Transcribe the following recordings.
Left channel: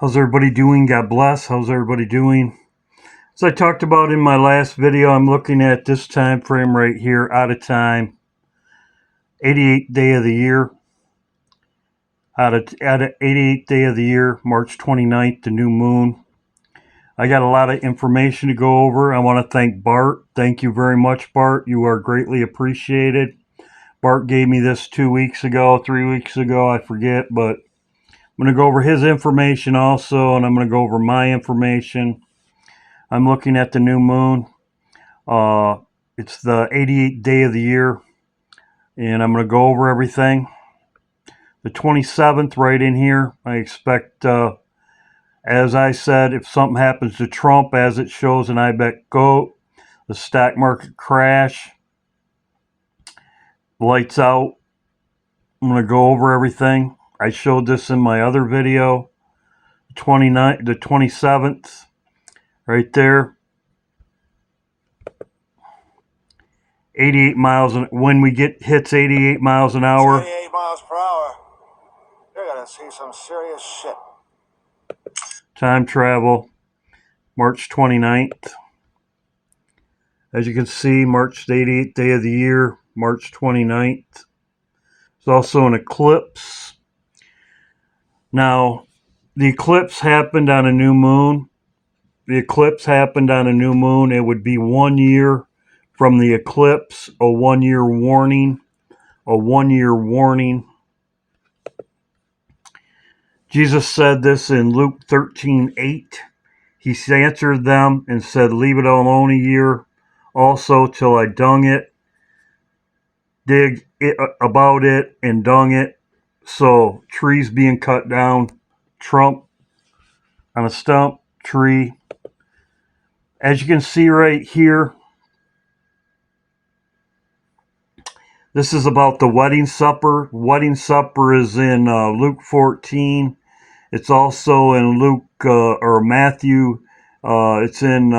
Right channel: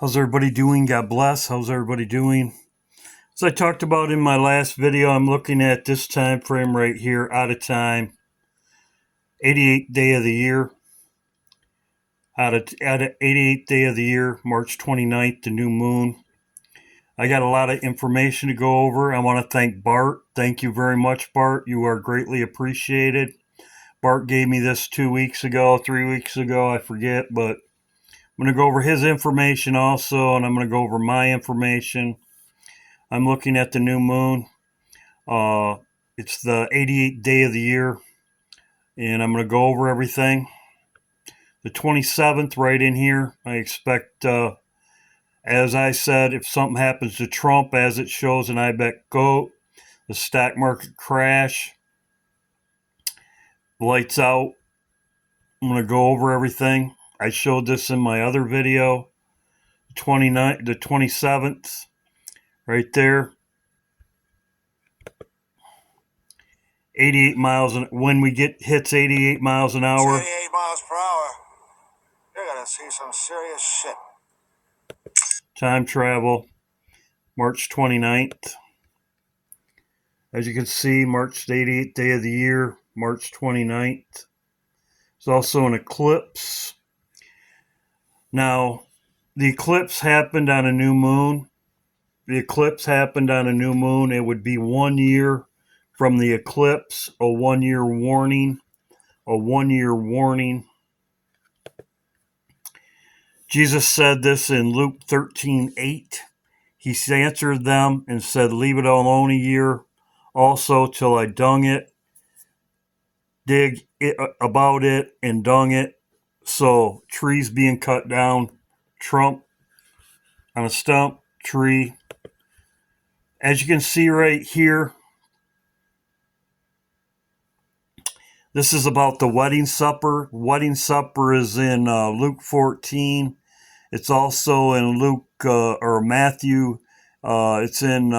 How's everybody doing? God bless. How's everybody doing? As I talked about in my last video, I'm looking at this time frame right here, out of time, 88th day of the year. Out of 88th day of the year, March 29th, the new moon. I got a lot of information to go over. I want to thank Bart. Thank you very much, Bart. You are greatly appreciated. Bart gave me this 2 weeks ago, 3 weeks ago, I forget, but I'm going to go over his information also, and I'm going to go over my information. I'm looking at the new moon. It's the 88th day of the year, and I'm going to go over everything. The 27th, right in here, I expect, as I said, if something happens to Trump, as it shows in I Bet Goat, the stock market crash, lights out. I'm going to go over everything. I showed this in my other video. The 27th, right there. 88 miles, when we hits 88 miles an hour. 88 miles per hour. You're gonna see some serious shit. Time travel, March 29th. As you can see, March, the 88th day of the year, March 29th. There's also an eclipse. Now, the eclipse happened on a new moon. The eclipse happened on a new moon. It would be 1 year from the eclipse, a 1 year warning, a 1 year warning. Jesus said this in Luke 13:8. He answered them and said, "Leave it alone a year, also till I dung it, dig it, about it, and dung it." So trees being cut down, Trump on a stump, tree. As you can see right here, this is about the wedding supper. Wedding supper is in Luke 14. It's also in Luke or Matthew. It's in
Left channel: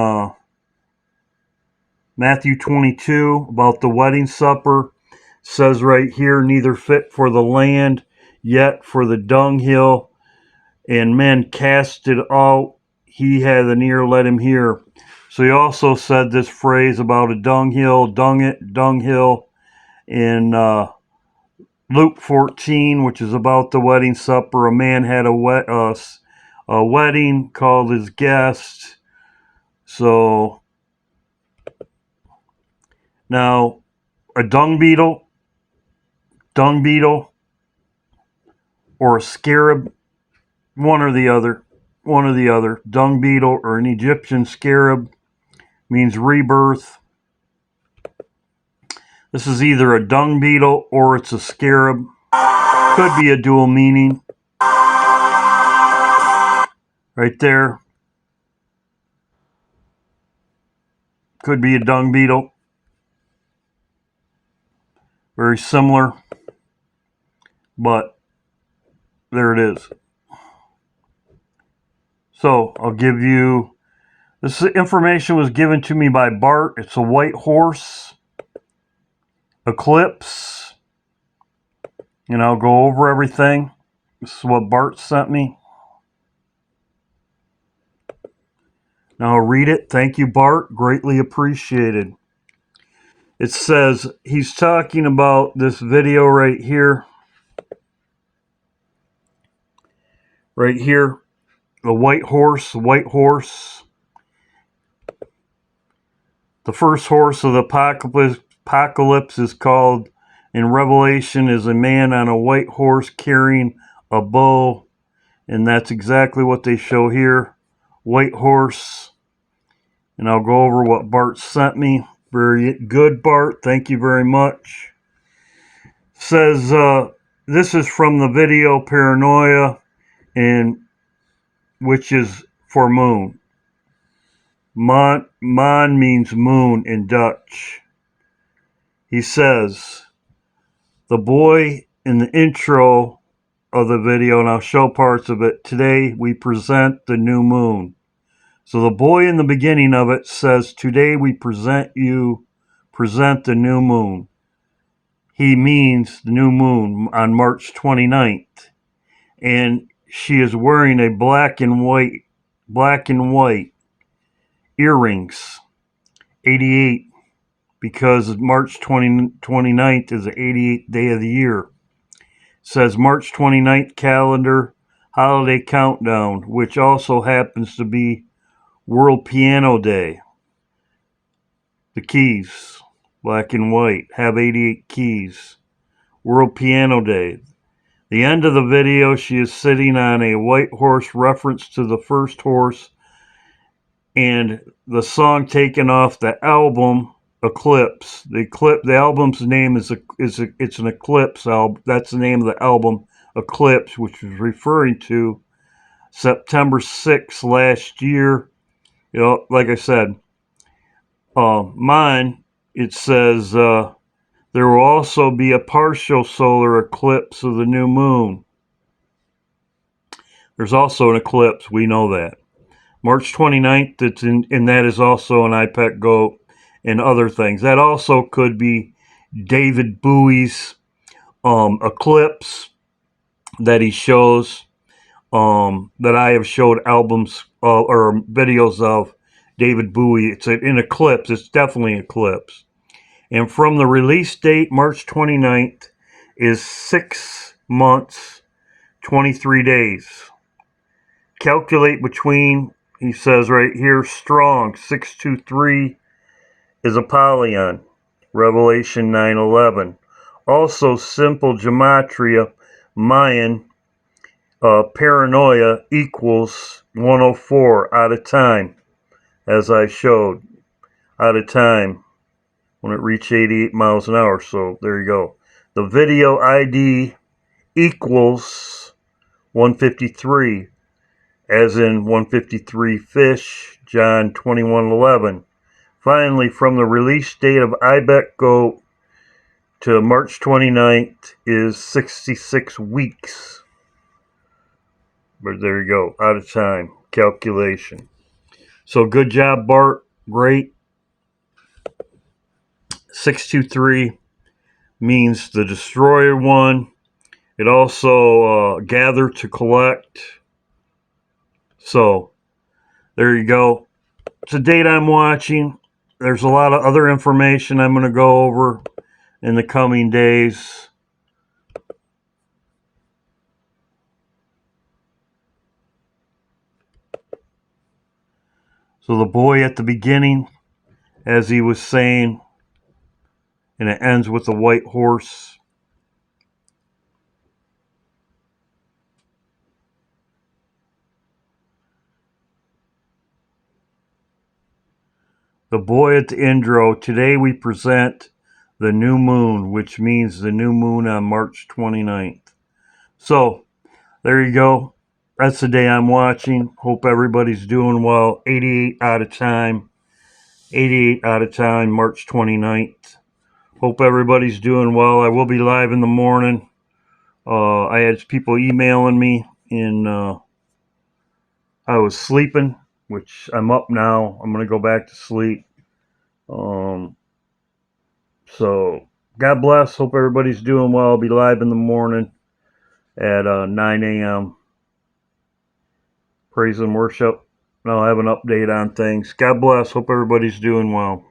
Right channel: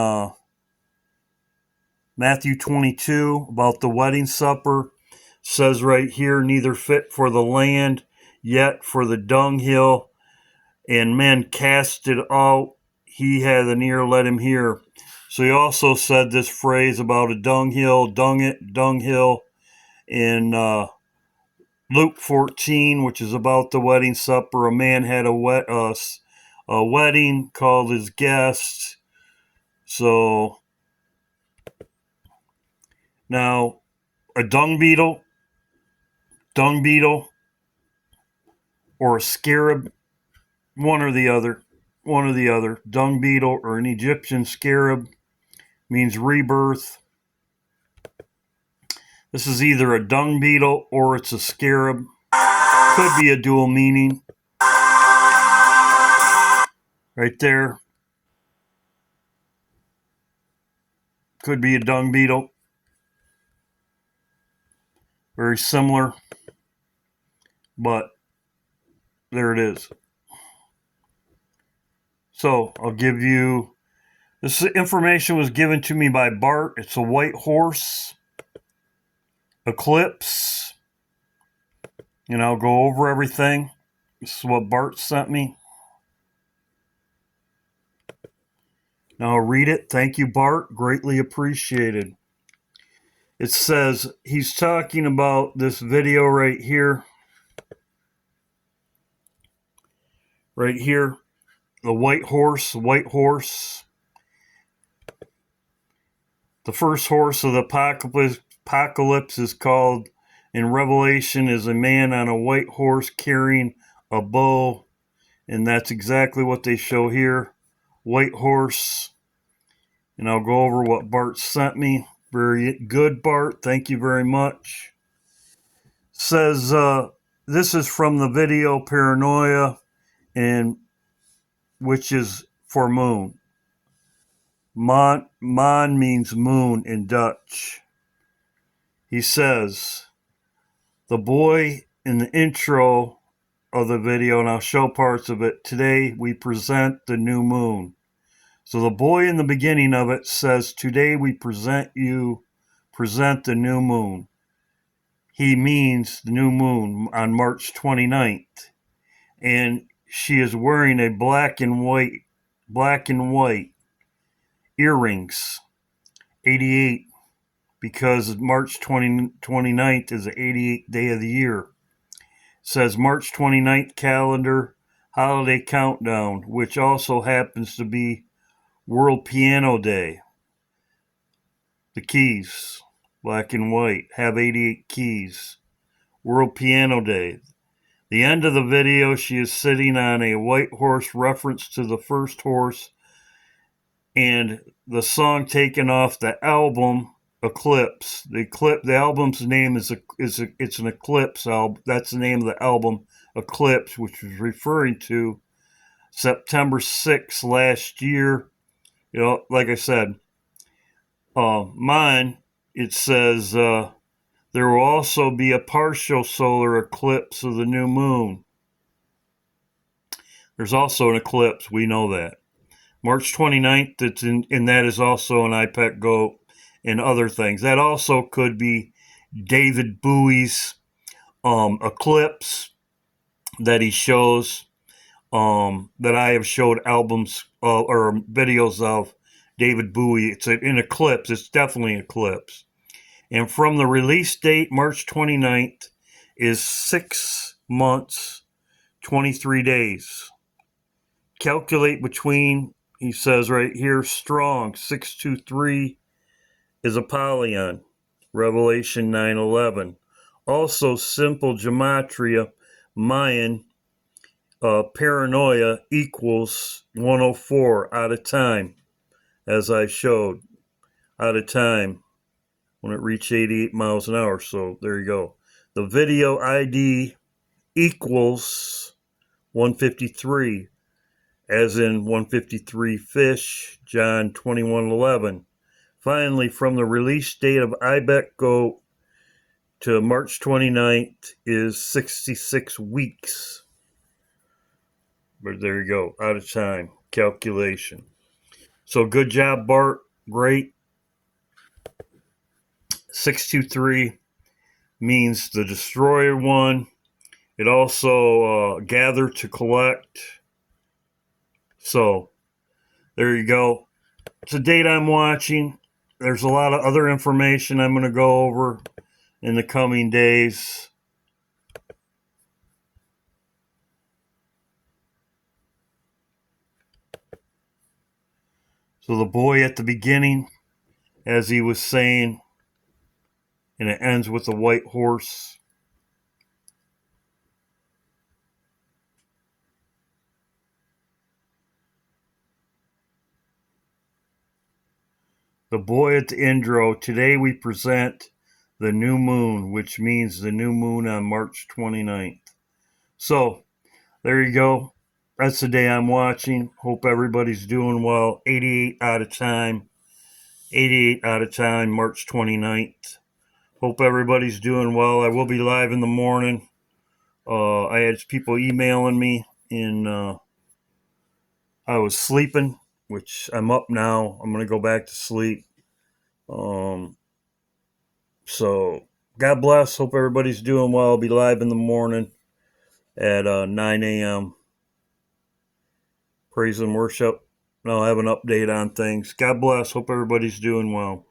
Matthew 22 about the wedding supper. It says right here, neither fit for the land, yet for the dunghill, and men cast it out. He hath an ear, let him hear. So he also said this phrase about a dunghill, dunghill, in Luke 14, which is about the wedding supper. A man had a wedding, called his guests. So now a dung beetle, or a scarab, one or the other. Dung beetle or an Egyptian scarab means rebirth. This is either a dung beetle or it's a scarab. Could be a dual meaning. Right there. Could be a dung beetle. Very similar. But there it is. So I'll give you, this information was given to me by Bart. It's a white horse eclipse. And I'll go over everything. This is what Bart sent me. Now I'll read it. Thank you, Bart. Greatly appreciated. It says, he's talking about this video right here. Right here. The white horse. The first horse of the apocalypse is called, in Revelation, is a man on a white horse carrying a bow. And that's exactly what they show here. White horse. And I'll go over what Bart sent me. Very good, Bart. Thank you very much. It says, this is from the video Paranoia, and which is for moon. Maan means moon in Dutch. He says, the boy in the intro of the video, and I'll show parts of it. Today we present the new moon. So the boy in the beginning of it says, today we present the new moon. He means the new moon on March 29th. And she is wearing a black and white earrings. 88, because March 29th is the 88th day of the year. It says March 29th calendar holiday countdown, which also happens to be World Piano Day. The keys, black and white, have 88 keys. World Piano Day. The end of the video, she is sitting on a white horse, reference to the first horse, and the song taken off the album Eclipse. The album's name is it's an Eclipse album. That's the name of the album, Eclipse, which is referring to September 6th last year. You know, like I said, mine, it says there will also be a partial solar eclipse of the new moon. There's also an eclipse, we know that. March 29th, and that is also an IPEC goat and other things. That also could be David Bowie's eclipse that he shows, that I have showed albums or videos of David Bowie. It's an eclipse. It's definitely an eclipse. And from the release date, March 29th, is 6 months, 23 days. Calculate between, he says right here, strong, 623 is Apollyon, Revelation 9:11. Also, simple gematria, Mayan, paranoia equals 104 out of time, as I showed, out of time when it reached 88 miles an hour. So there you go. The video ID equals 153, as in 153 fish, John 21:11. Finally, from the release date of IBEC Go to March 29th is 66 weeks. But there you go, out of time calculation. So good job, Bart. Great. 623 means the destroyer won. It also gather to collect. So there you go. It's a date I'm watching. There's a lot of other information I'm going to go over in the coming days. So the boy at the beginning, as he was saying, and it ends with a white horse. The boy at the intro, today we present the new moon, which means the new moon on March 29th. So, there you go. That's the day I'm watching. Hope everybody's doing well. 88 out of time. 88 out of time, March 29th. Hope everybody's doing well. I will be live in the morning. I had people emailing me, and I was sleeping, which I'm up now. I'm going to go back to sleep. So, God bless. Hope everybody's doing well. I'll be live in the morning at 9 a.m. Praise and worship. And I'll have an update on things. God bless. Hope everybody's doing well.